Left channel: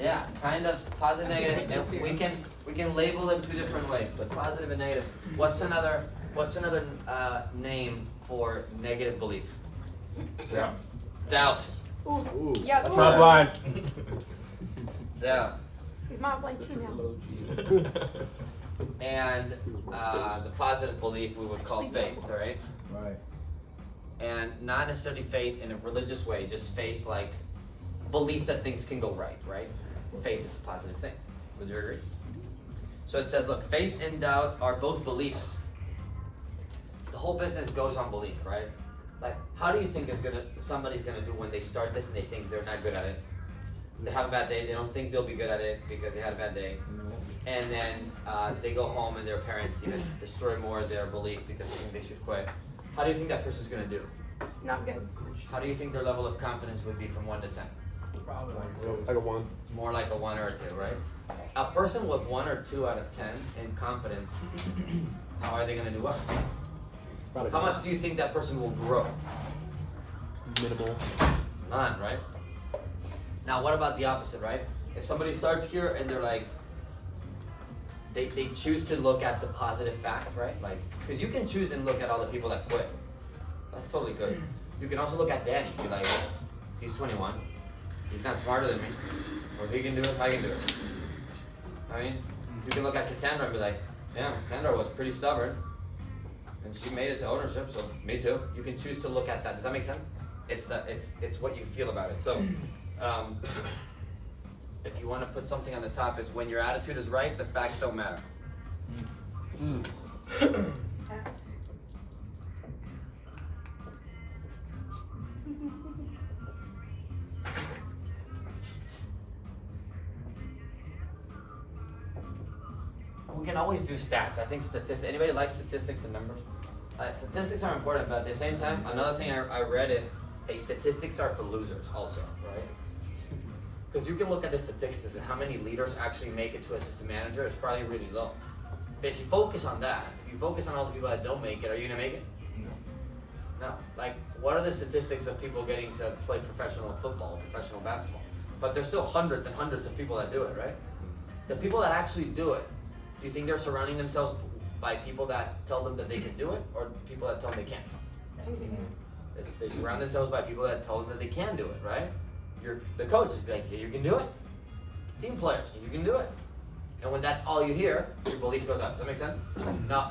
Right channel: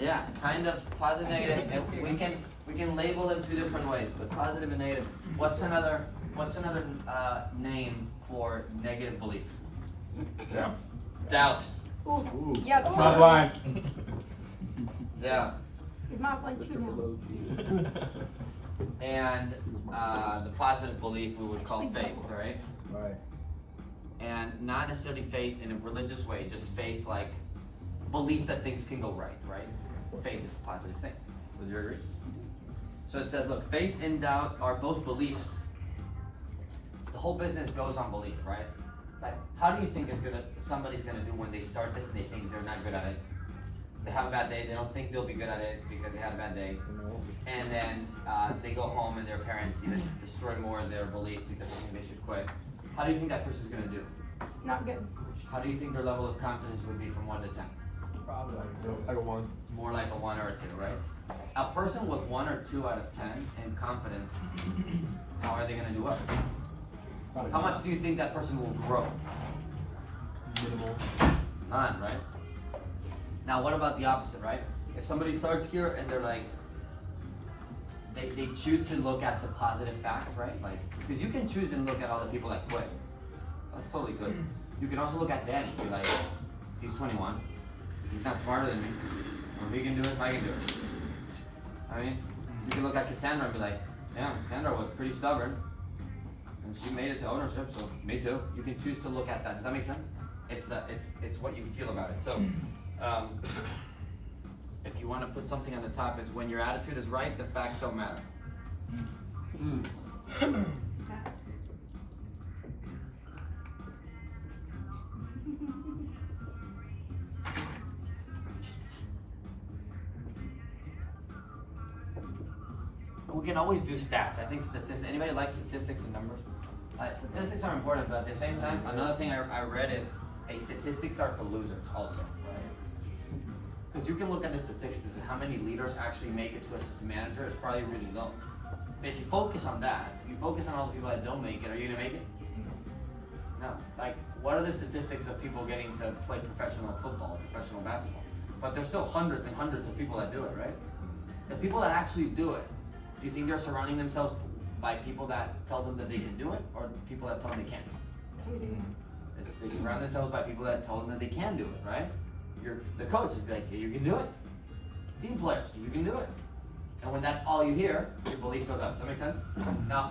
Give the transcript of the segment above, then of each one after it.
Yeah, kind of positive, negative. And we can label them two different ways, but positive and negative. What's another name for negative belief? Yeah. Doubt. Ooh. Yes. That's not blind. Doubt. He's not blind too now. And the positive belief we would call faith, right? Right. And not necessarily faith in a religious way, just faith like belief that things can go right, right? Faith is a positive thing. Would you agree? So it says, look, faith and doubt are both beliefs. The whole business goes on belief, right? Like, how do you think somebody's gonna do when they start this and they think they're not good at it? They have a bad day, they don't think they'll be good at it because they had a bad day. And then they go home and their parents even destroy more of their belief because they think they should quit. How do you think that person's gonna do? Not good. How do you think their level of confidence would be from 1 to 10? Probably like a 1. More like a 1 or a 2, right? A person with 1 or 2 out of 10 in confidence, how are they gonna do well? How much do you think that person will grow? Minimal. None, right? Now what about the opposite, right? If somebody starts here and they're like, they choose to look at the positive facts, right? Like, because you can choose and look at all the people that quit. That's totally good. You can also look at Danny, be like, he's 21. He's not smarter than me. Well, if he can do it, I can do it. I mean, you can look at Cassandra and be like, damn, Cassandra was pretty stubborn. And she made it to ownership, so me too. You can choose to look at that. Does that make sense? It's what you feel about it. So, if you want to put something on the top, is when your attitude is right, the facts don't matter. We can always do stats. I think statistics. Anybody like statistics and numbers? Statistics are important, but at the same time, another thing I read is, hey, statistics are for losers also, right? Because you can look at the statistics and how many leaders actually make it to assistant manager is probably really low. But if you focus on that, if you focus on all the people that don't make it, are you gonna make it? No. Like, what are the statistics of people getting to play professional football, professional basketball? But there's still hundreds and hundreds of people that do it, right? The people that actually do it, do you think they're surrounding themselves by people that tell them that they can do it, or people that tell them they can't? They surround themselves by people that tell them that they can do it, right? The coach is like, hey, you can do it. Team players, you can do it. And when that's all you hear, your belief goes up. Does that make sense? Now,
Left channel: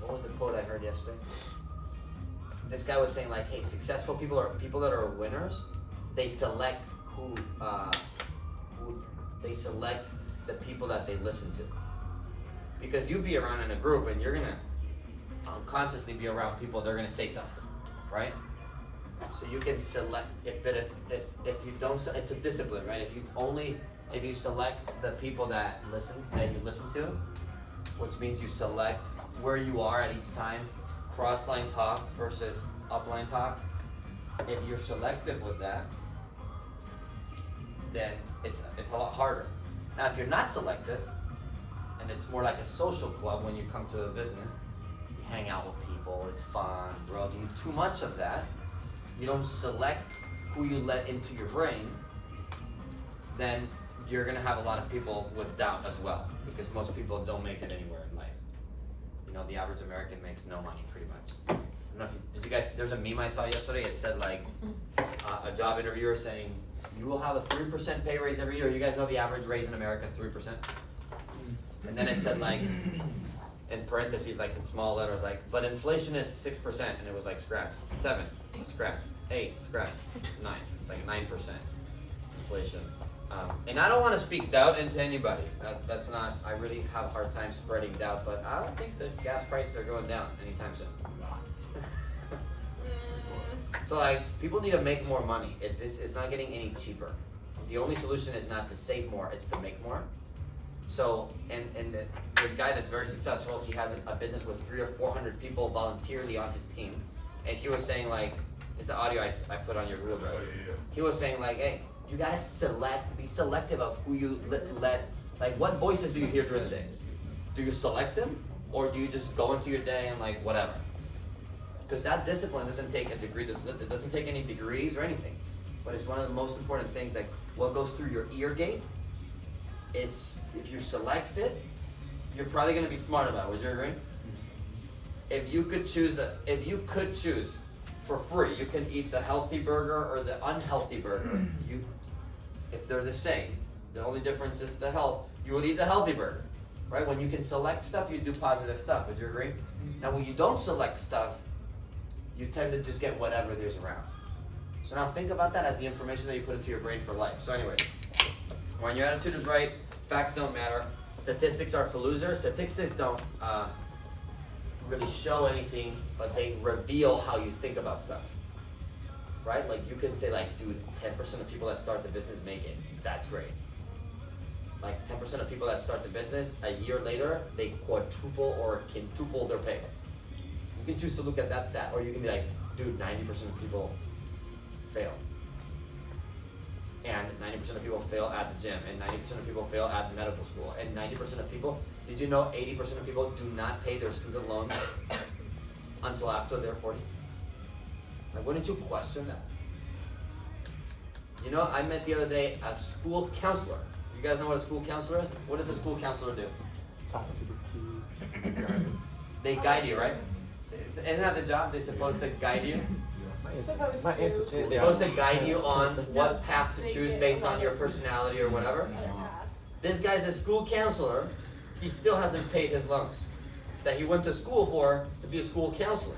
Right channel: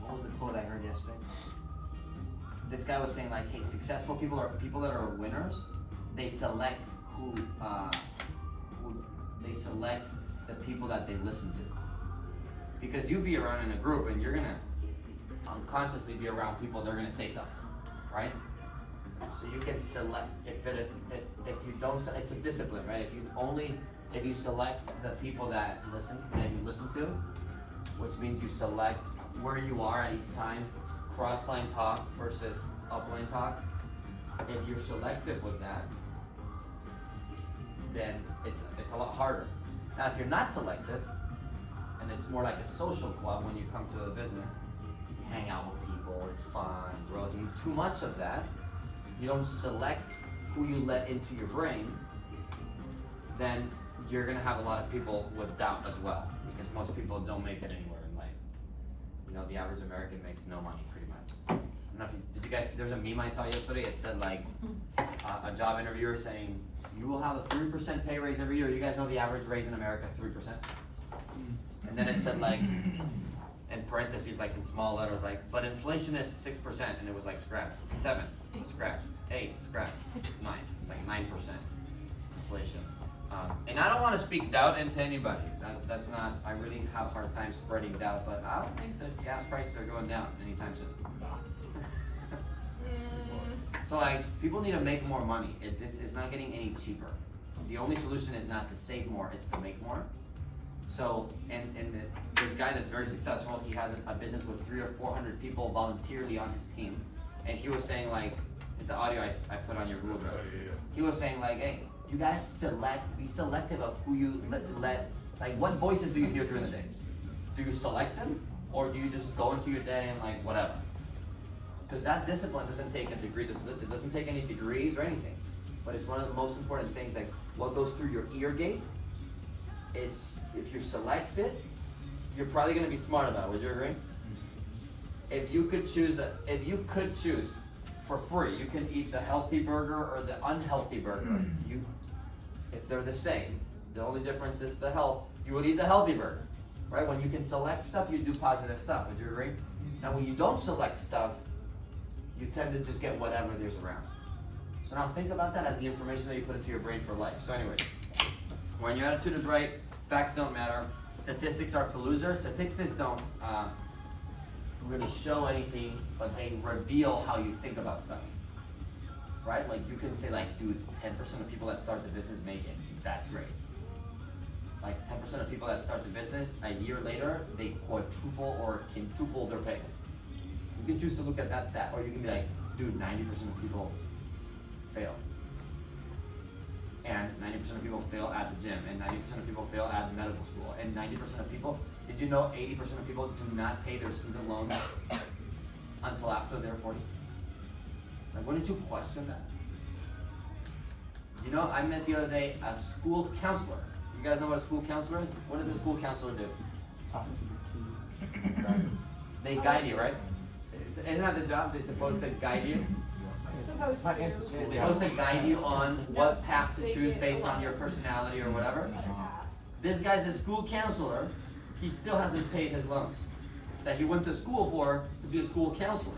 what was the quote I heard yesterday? This guy was saying like, hey, successful people are people that are winners. They select they select the people that they listen to. Because you be around in a group and you're gonna unconsciously be around people, they're gonna say stuff, right? So you can select, if you don't, it's a discipline, right? If you select the people that you listen to, which means you select where you are at each time, cross-line talk versus up-line talk. If you're selective with that, then it's a lot harder. Now, if you're not selective, and it's more like a social club when you come to a business, you hang out with people, it's fun, bro. If you do too much of that, you don't select who you let into your brain, then you're gonna have a lot of people with doubt as well, because most people don't make it anywhere in life. You know, the average American makes no money pretty much. I don't know if did you guys, there's a meme I saw yesterday, it said like, a job interviewer saying, you will have a 3% pay raise every year. You guys know the average raise in America is 3%? And then it said like, in parentheses, like in small letters, like, but inflation is 6%, and it was like scraps, 7, scraps, 8, scraps, 9, it's like 9% inflation. And I don't want to speak doubt into anybody. That's not, I really have a hard time spreading doubt, but I don't think that gas prices are going down anytime soon. So like, people need to make more money. This is not getting any cheaper. The only solution is not to save more, it's to make more. So, this guy that's very successful, he has a business with 300 or 400 people voluntarily on his team. And he was saying like, it's the audio I put on your Google Drive. He was saying like, hey, you gotta be selective of who you let, like what voices do you hear during the day? Do you select them? Or do you just go into your day and like, whatever? Because that discipline doesn't take a degree, it doesn't take any degrees or anything. but it's one of the most important things. Like what goes through your ear gate, it's if you select it, you're probably gonna be smart about it. Would you agree? If you could choose for free, you can eat the healthy burger or the unhealthy burger. If they're the same, the only difference is the health. You would eat the healthy burger, right? When you can select stuff, you do positive stuff. Would you agree? Now, when you don't select stuff, you tend to just get whatever there's around. So now think about that as the information that you put into your brain for life. So anyway, when your attitude is right, facts don't matter. Statistics are for losers. Statistics don't really show anything, but they reveal how you think about stuff. Right? Like you can say like, dude, 10% of people that start the business make it. That's great. Like 10% of people that start the business, a year later, they quadruple or quintuple their pay. You can choose to look at that stat, or you can be like, dude, 90% of people fail. And 90% of people fail at the gym, and 90% of people fail at medical school, and 90% of people, did you know 80% of people do not pay their student loans until after they're 40? Like, wouldn't you question that? You know, I met the other day a school counselor. You guys know what a school counselor is? What does a school counselor do? Talking to the kids. They guide you, right? Isn't that the job? They're supposed to guide you? My ancestors. They're supposed to guide you on what path to choose based on your personality or whatever. This guy's a school counselor. He still hasn't paid his loans that he went to school for to be a school counselor.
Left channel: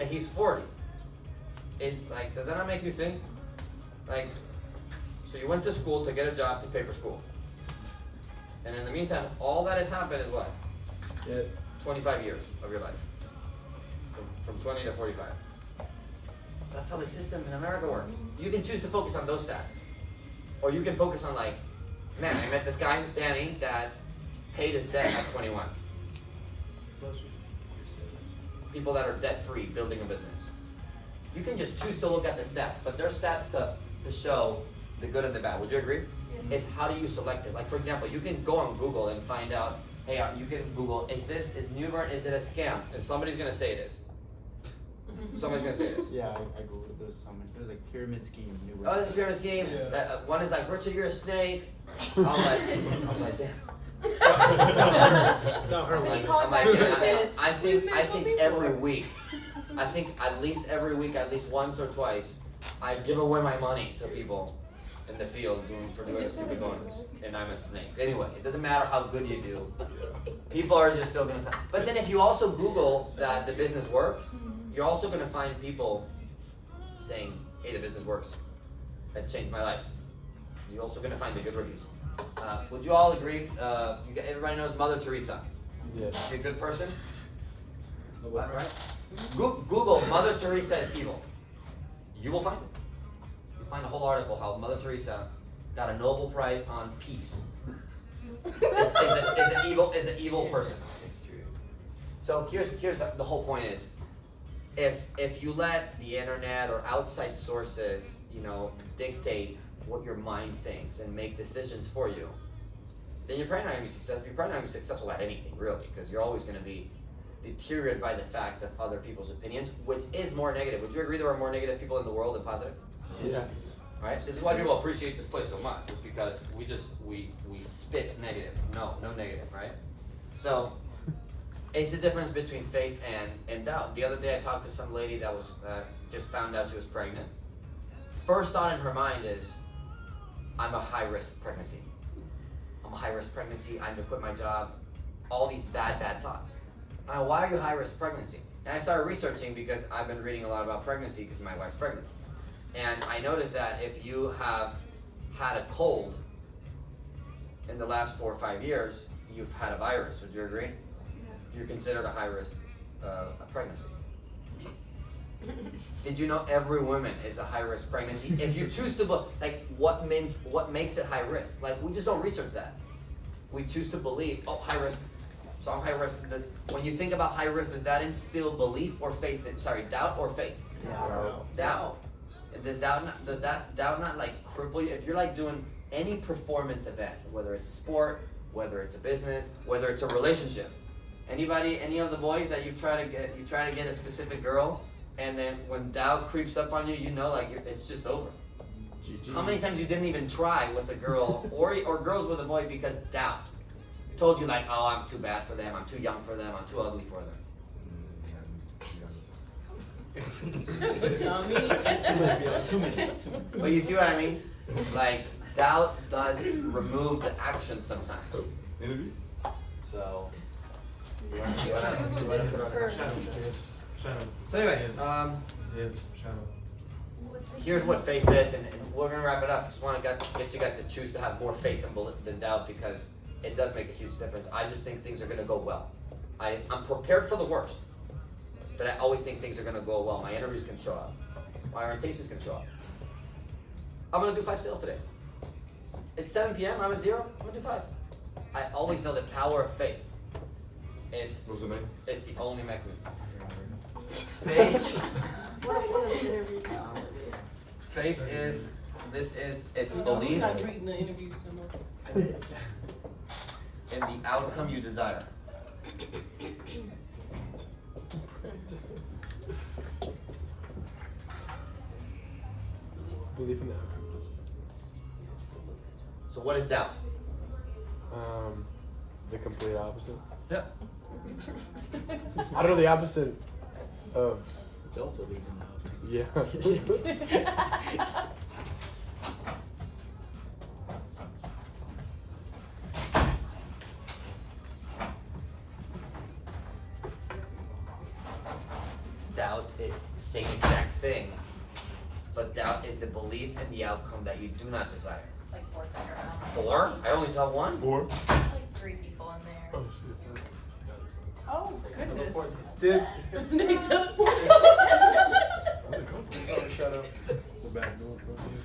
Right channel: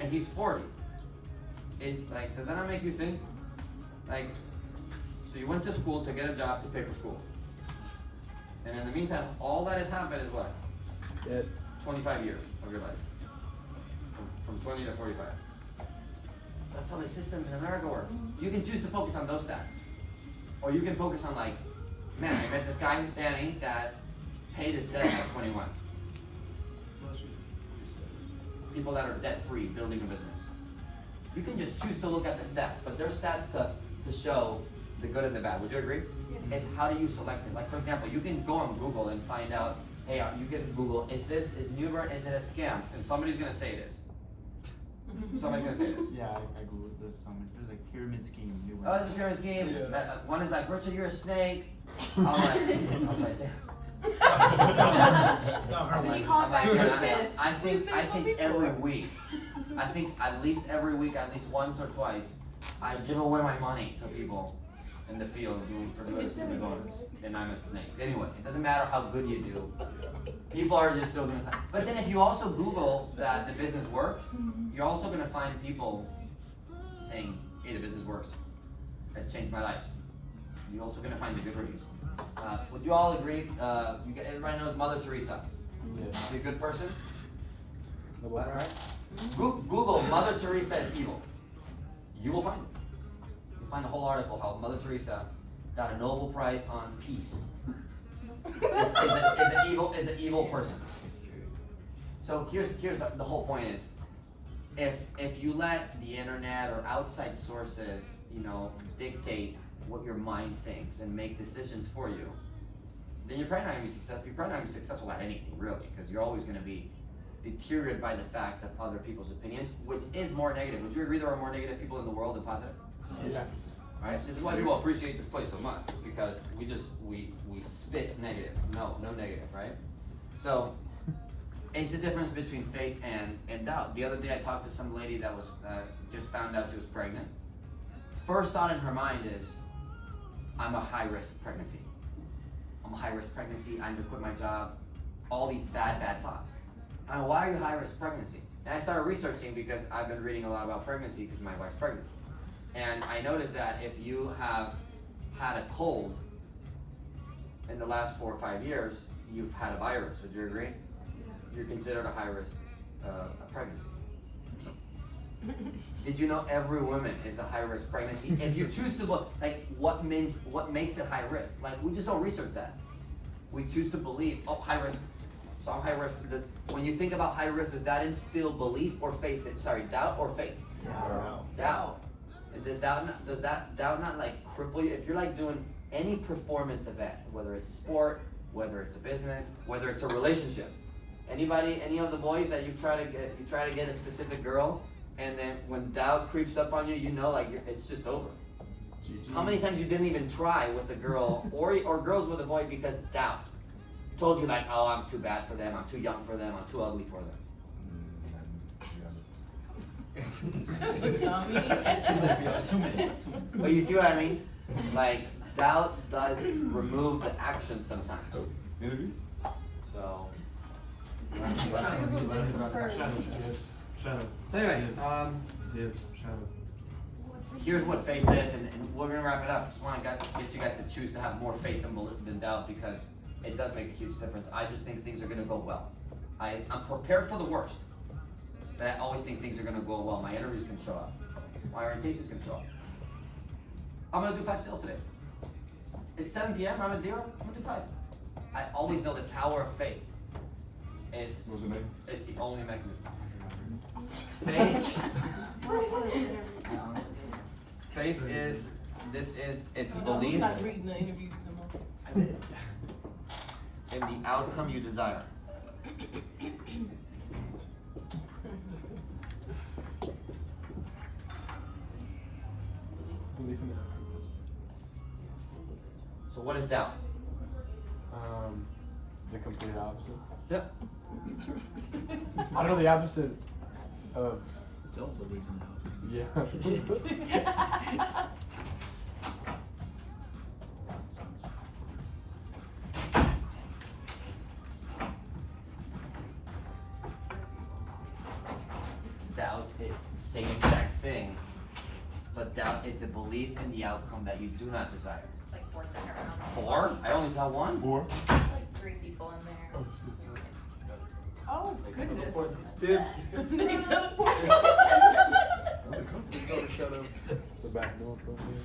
And he's 40. Like, does that not make you think? Like, so you went to school to get a job to pay for school. And in the meantime, all that has happened is what? 25 years of your life. From 20 to 45. That's how the system in America works. You can choose to focus on those stats. Or you can focus on like, man, I met this guy, Danny, that paid his debt at 21. People that are debt-free, building a business. You can just choose to look at the stats, but there's stats to show the good and the bad. Would you agree? Is how do you select it? Like for example, you can go on Google and find out, hey, you can Google, is Newbern, is it a scam? And somebody's gonna say it is. Somebody's gonna say it is. Yeah, I googled it. There's like pyramid scheme. Oh, it's a pyramid scheme. Yeah. One is like, Richard, you're a snake. I'm like, damn. I'm like, yeah, I think every week, I think at least every week, at least once or twice, I give away my money to people in the field for doing a stupid bonus, and I'm a snake. Anyway, it doesn't matter how good you do. People are just still gonna. But then if you also Google that the business works, you're also gonna find people saying, "Hey, the business works. That changed my life." You're also gonna find the good reviews. Would you all agree? Everybody knows Mother Teresa. Yes. She's a good person, What? right? Google Mother Teresa is evil. You will find it. You find a whole article how Mother Teresa got a Nobel Prize on peace. Is an evil person. It's true. So here's the whole point is, if you let the internet or outside sources, dictate what your mind thinks and make decisions for you, then you're probably not gonna be successful. You're probably not gonna be successful at anything really, because you're always gonna be deteriorated by the fact of other people's opinions, which is more negative. Would you agree there are more negative people in the world than positive? Yes. Right? This is why people appreciate this place so much, is because we spit negative. No negative, right? So it's the difference between faith and doubt. The other day I talked to some lady that was just found out she was pregnant. First thought in her mind is, I'm a high risk pregnancy. I'm a high risk pregnancy, I'm to quit my job. All these bad thoughts. Why are you high risk pregnancy? And I started researching because I've been reading a lot about pregnancy because my wife's pregnant. And I noticed that if you have had a cold in the last 4 or 5 years, you've had a virus. Would you agree? You're considered a high risk pregnancy. Did you know every woman is a high risk pregnancy? If you choose to what makes it high risk? Like, we just don't research that. We choose to believe, high risk. So I'm high risk. When you think about high risk, does that instill belief or faith? Doubt or faith? Doubt. Does that doubt not like cripple you? If you're like doing any performance event, whether it's a sport, whether it's a business, whether it's a relationship, any of the boys that you try to get a specific girl, and then when doubt creeps up on you, it's just over. How many times you didn't even try with a girl or girls with a boy because doubt told you like, oh, I'm too bad for them, I'm too young for them, I'm too ugly for them. But you see what I mean? Like, doubt does remove the action sometimes. So, you wanna put on that? So anyway, here's what faith is, and we're gonna wrap it up. Just wanna get you guys to choose to have more faith than doubt, because it does make a huge difference. I just think things are gonna go well. I'm prepared for the worst, but I always think things are gonna go well. My interviews can show up. My orientations can show up. I'm gonna do 5 sales today. It's 7 p.m., I'm at 0, I'm gonna do 5. I always know the power of faith is the only mechanism. Faith is, it's belief Not reading the interviews so much. in the outcome you desire. Belief in it. So what is doubt? The complete opposite. Yep. I don't know the opposite of. Yeah. Doubt is the same exact thing, but doubt is the belief in the outcome that you do not desire. Like 4 seconds. 4? I only saw 1? Like 3 people in there. Oh, goodness. The back door from here.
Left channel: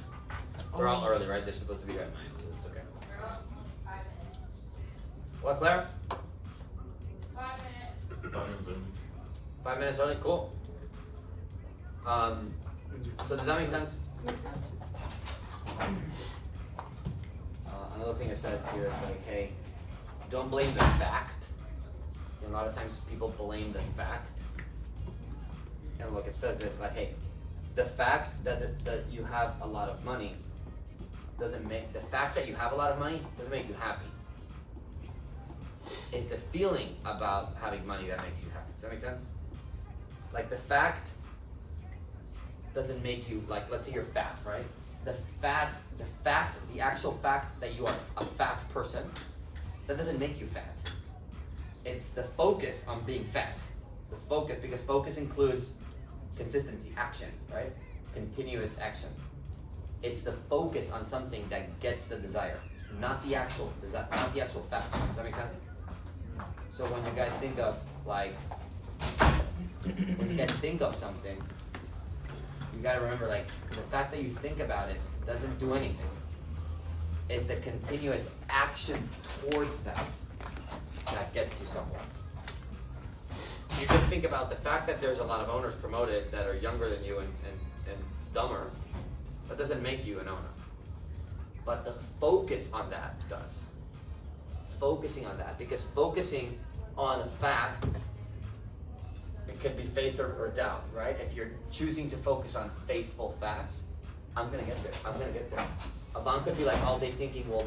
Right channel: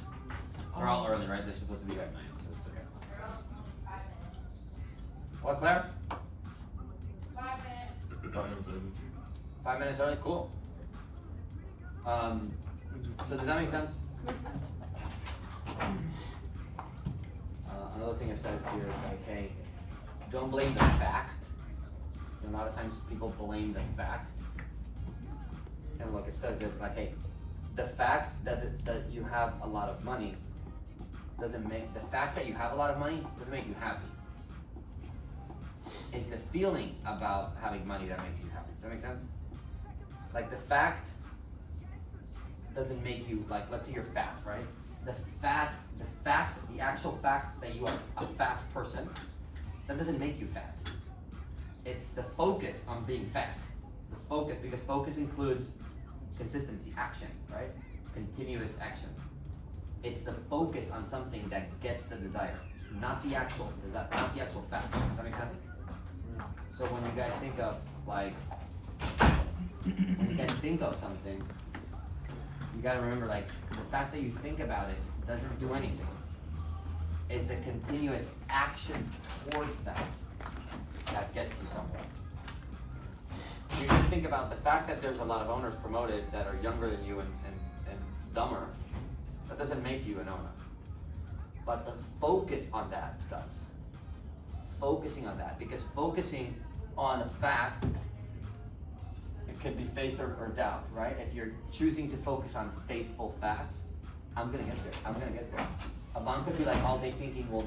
They're all early, right? They're supposed to be there at 9, so it's okay. What, Claire? 5 minutes early? Cool. So does that make sense? Makes sense. Another thing it says here is like, hey, don't blame the fact. You know, a lot of times people blame the fact. And look, it says this like, hey, the fact that you have a lot of money doesn't make, the fact that you have a lot of money doesn't make you happy. It's the feeling about having money that makes you happy. Does that make sense? Like the fact doesn't make you, like, let's say you're fat, right? The actual fact that you are a fat person, that doesn't make you fat. It's the focus on being fat. The focus, because focus includes consistency, action, right? Continuous action. It's the focus on something that gets the desire, not the actual fact. Does that make sense? So when you guys think of, like, when you guys think of something, you gotta remember, like, the fact that you think about it doesn't do anything. It's the continuous action towards that gets you somewhere. You can think about the fact that there's a lot of owners promoted that are younger than you and dumber. That doesn't make you an owner. But the focus on that does. Focusing on that, because focusing on a fact, it could be faith or doubt, right? If you're choosing to focus on faithful facts, I'm gonna get there. A mom could be like all day thinking, well,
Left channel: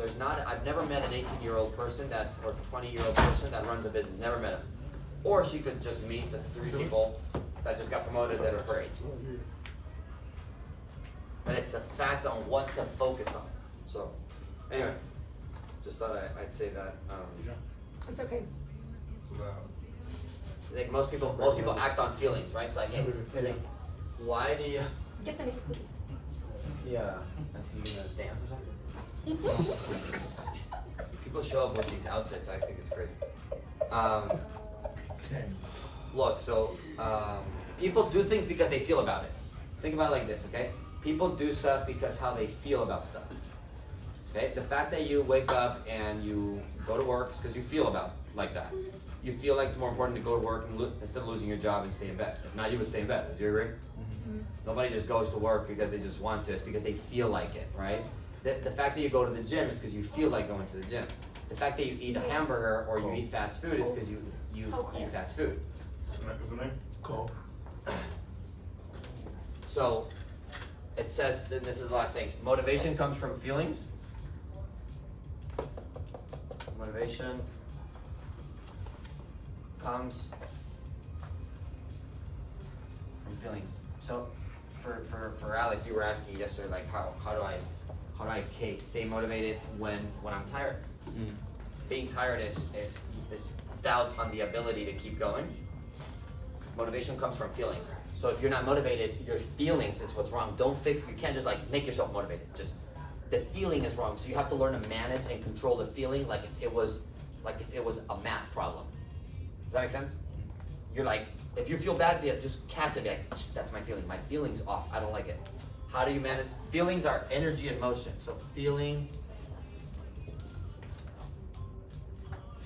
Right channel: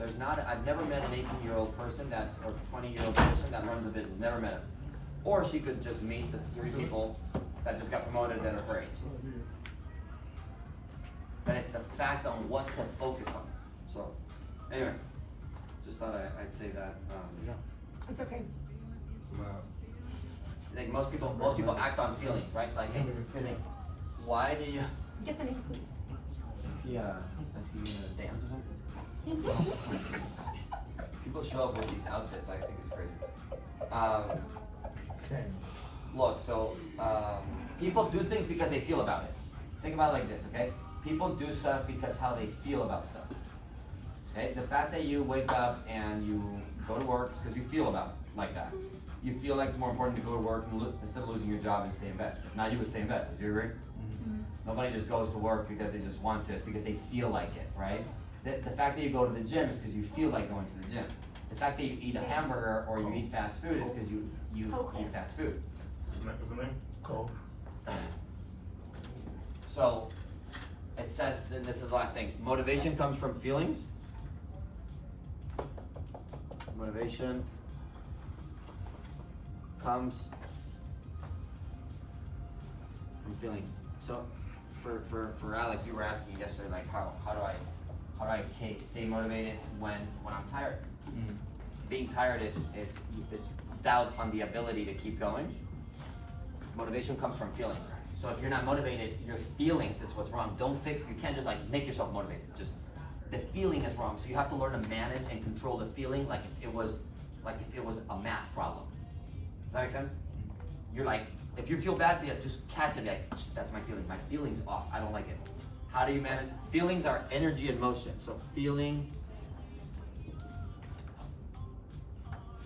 I've never met an 18-year-old person or 20-year-old person that runs a business, never met him. Or she could just meet the 3 people that just got promoted that are her age. But it's the fact on what to focus on. So, anyway, just thought I'd say that. It's okay. I think most people act on feelings, right? It's like, hey, why do you? Get the name, please. Is he gonna dance or something? People show up with these outfits. I think it's crazy. Look, so people do things because they feel about it. Think about it like this, okay? People do stuff because how they feel about stuff. Okay? The fact that you wake up and you go to work is because you feel about it like that. You feel like it's more important to go to work instead of losing your job and stay in bed. If not, you would stay in bed. Do you agree? Mm-hmm. Nobody just goes to work because they just want to. It's because they feel like it, right? The fact that you go to the gym is because you feel like going to the gym. The fact that you eat a hamburger or you eat fast food is because you eat fast food. What's the name? So, it says, then this is the last thing, motivation comes from feelings. Motivation comes from feelings. So for Alex, you were asking yesterday, like how do I stay motivated when I'm tired? Mm. Being tired is doubt on the ability to keep going. Motivation comes from feelings. So if you're not motivated, your feelings is what's wrong. You can't just like make yourself motivated. Just the feeling is wrong. So you have to learn to manage and control the feeling like if it was a math problem. Does that make sense? You're like, if you feel bad, just catch it, be like, that's my feeling. My feeling's off. I don't like it. How do you manage? Feelings are energy and motion. So feeling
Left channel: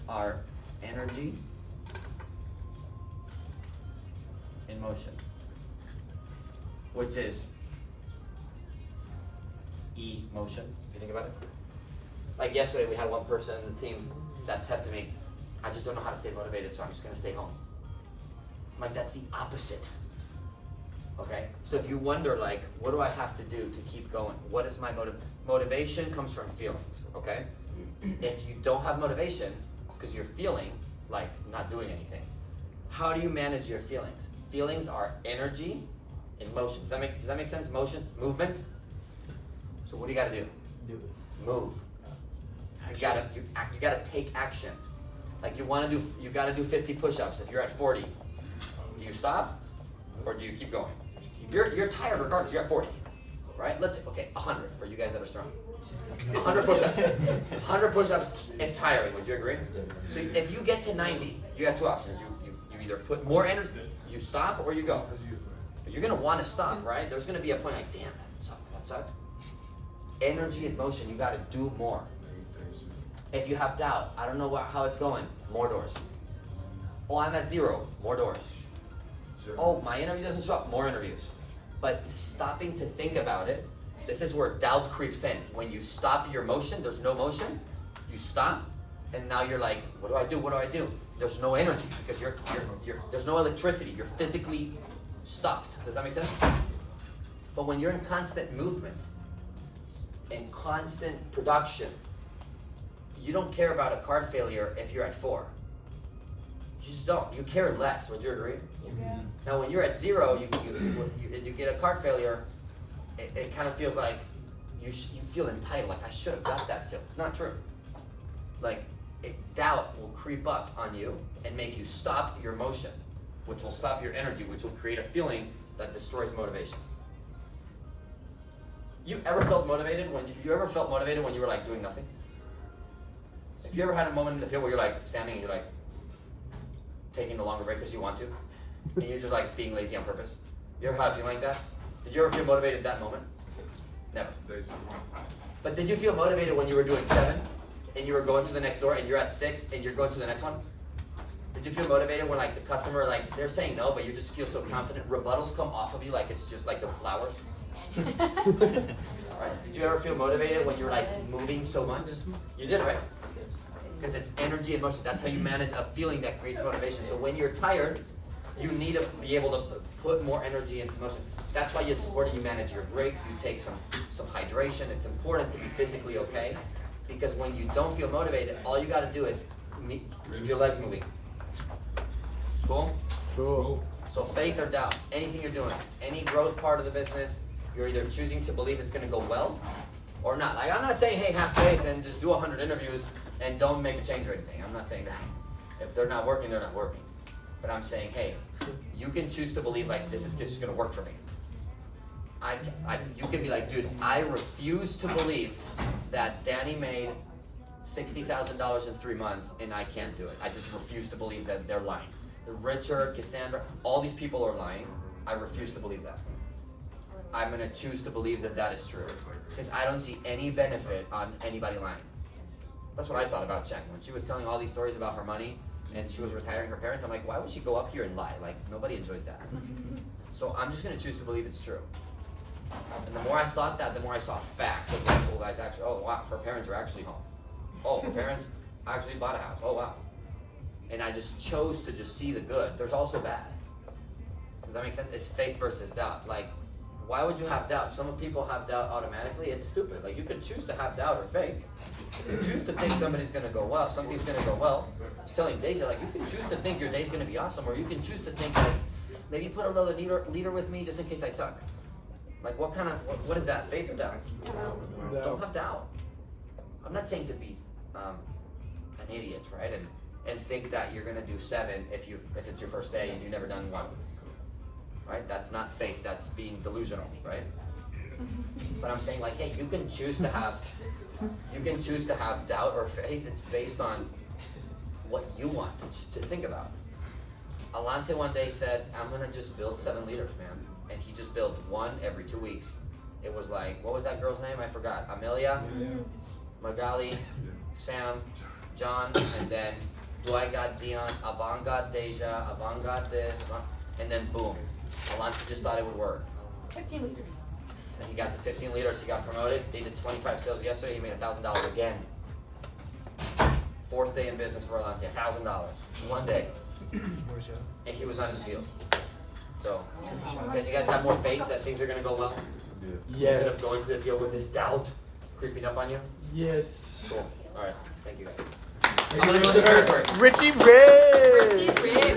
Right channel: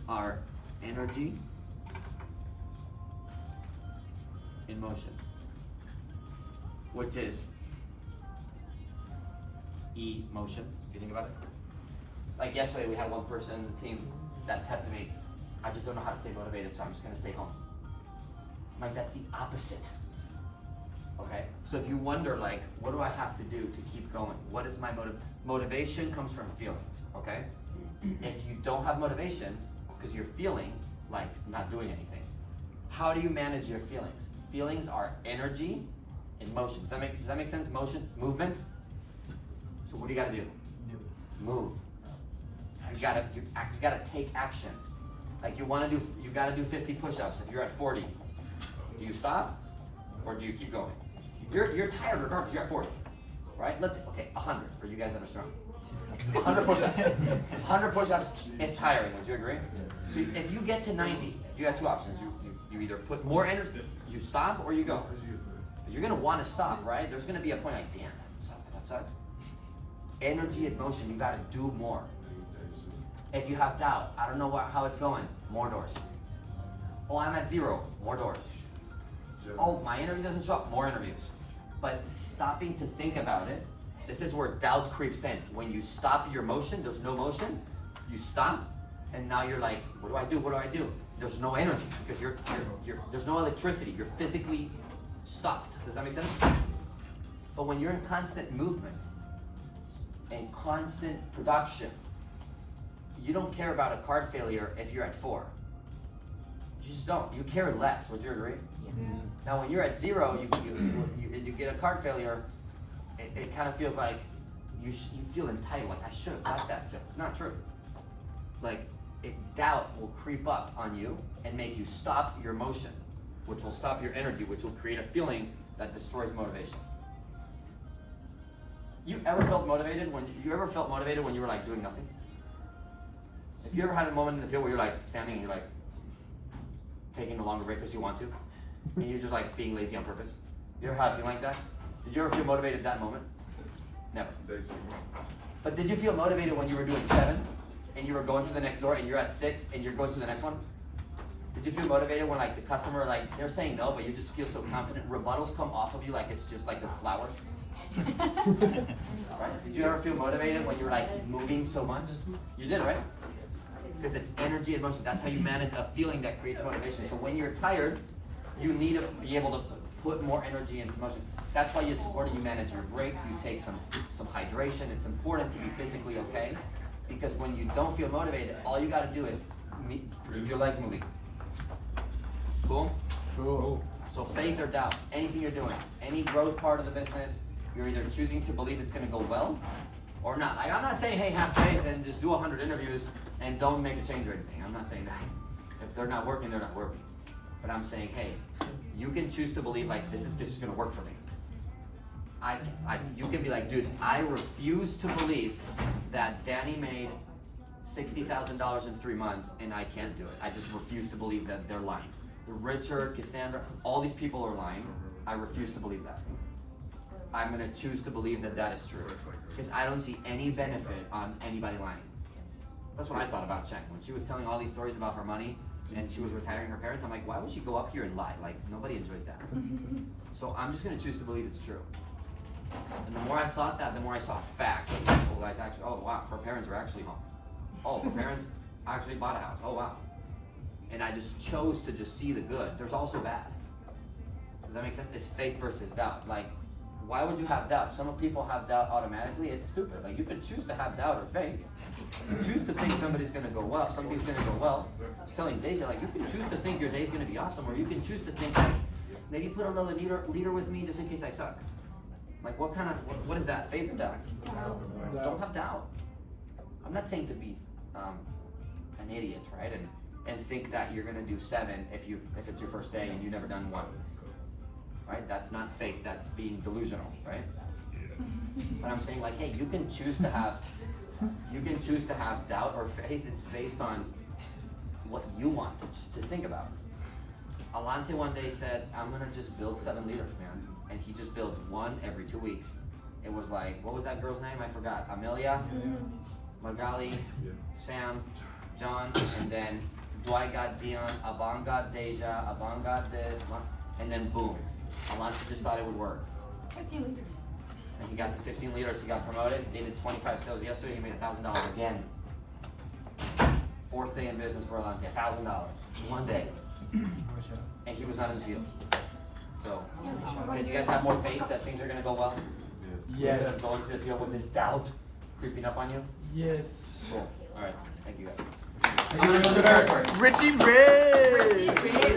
are energy in motion, which is emotion, if you think about it. Like yesterday, we had one person in the team that said to me, I just don't know how to stay motivated, so I'm just gonna stay home. I'm like, that's the opposite. Okay, so if you wonder, like, what do I have to do to keep going? What is my motivation comes from feelings, okay? If you don't have motivation, it's because you're feeling like not doing anything. How do you manage your feelings? Feelings are energy in motion. Does that make sense? Motion, movement. So what do you gotta do? Move. You gotta take action. Like you gotta do 50 push-ups. If you're at 40, do you stop or do you keep going? You're tired regardless. You're at 40, right? Let's say, okay, 100 for you guys that are strong. 100 push-ups. 100 push-ups is tiring. Would you agree? So if you get to 90, you got two options. You either put more energy, you stop, or you go. But you're gonna want to stop, right? There's gonna be a point like, damn, that sucks. Energy and motion. You gotta do more. If you have doubt, I don't know how it's going. More doors. Oh, I'm at 0. More doors. Oh, my interview doesn't show up. More interviews. But stopping to think about it, this is where doubt creeps in. When you stop your motion, there's no motion. You stop, and now you're like, what do I do? What do I do? There's no energy because there's no electricity. You're physically stopped. Does that make sense? But when you're in constant movement and constant production, you don't care about a card failure if you're at 4. You just don't. You care less. Would you agree? Yeah. Now, when you're at 0, you get a card failure. It kind of feels like you feel entitled. Like I should have got that. So it's not true. Like doubt will creep up on you and make you stop your motion, which will stop your energy, which will create a feeling that destroys motivation. You ever felt motivated when you were like doing nothing? If you ever had a moment in the field where you're like standing and you're like taking a longer break because you want to, and you're just like being lazy on purpose? You ever had a feeling like that? Did you ever feel motivated at that moment? Never. But did you feel motivated when you were doing 7 and you were going to the next door and you're at 6 and you're going to the next one? Did you feel motivated when like the customer, like they're saying no, but you just feel so confident? Rebuttals come off of you like it's just like the flowers. Right? Did you ever feel motivated when you're like moving so much? You did, right? Because it's energy and motion. That's how you manage a feeling that creates motivation. So when you're tired, you need to be able to put more energy into motion. That's why it's important you manage your breaks, you take some hydration. It's important to be physically okay, because when you don't feel motivated, all you gotta do is keep your legs moving. Cool? Cool. So faith or doubt, anything you're doing, any growth part of the business, you're either choosing to believe it's gonna go well or not. Like I'm not saying, hey, have faith and just do 100 interviews and don't make a change or anything. I'm not saying that. If they're not working, they're not working. But I'm saying, hey, you can choose to believe like this is just gonna work for me. You can be like, dude, I refuse to believe that Danny made $60,000 in 3 months and I can't do it. I just refuse to believe that they're lying. Richard, Cassandra, all these people are lying. I refuse to believe that. I'm gonna choose to believe that that is true, because I don't see any benefit on anybody lying. That's what I thought about Chen. When she was telling all these stories about her money and she was retiring her parents, I'm like, why would she go up here and lie? Like, nobody enjoys that. So I'm just gonna choose to believe it's true. And the more I thought that, the more I saw facts of like, oh, guys, actually, oh wow, her parents are actually home. Oh, her parents actually bought a house. Oh wow. And I just chose to just see the good. There's also bad. Does that make sense? It's faith versus doubt. Like, why would you have doubt? Some people have doubt automatically. It's stupid. Like, you could choose to have doubt or faith. You choose to think somebody's gonna go well, something's gonna go well. I was telling Deja, like, you can choose to think your day's gonna be awesome, or you can choose to think, like, maybe put another leader with me just in case I suck. Like, what is that? Faith or doubt? Don't have doubt. I'm not saying to be an idiot, right? And think that you're gonna do 7 if it's your first day and you've never done 1. Right? That's not faith, that's being delusional, right? But I'm saying, like, hey, you can choose to have doubt or faith. It's based on what you want to think about. Alante one day said, I'm gonna just build 7 leaders, man. And he just built 1 every 2 weeks. It was like, what was that girl's name? I forgot. Amelia, Magali, Sam, John, and then Dwight got Dion, Avant got Deja, Avant got this, and then boom. Alante just thought it would work. 15 liters. And he got to 15 liters, he got promoted, they did 25 sales yesterday, he made $1,000 again. 4th day in business for Alante, $1,000, 1 day. And he was not in the field. So, can you guys have more faith that things are gonna go well? Instead Yes. of going to the field with this doubt creeping up on you? Yes. Cool, alright, thank you guys. I'm gonna go to the territory. Richie Ray! Richie Ray.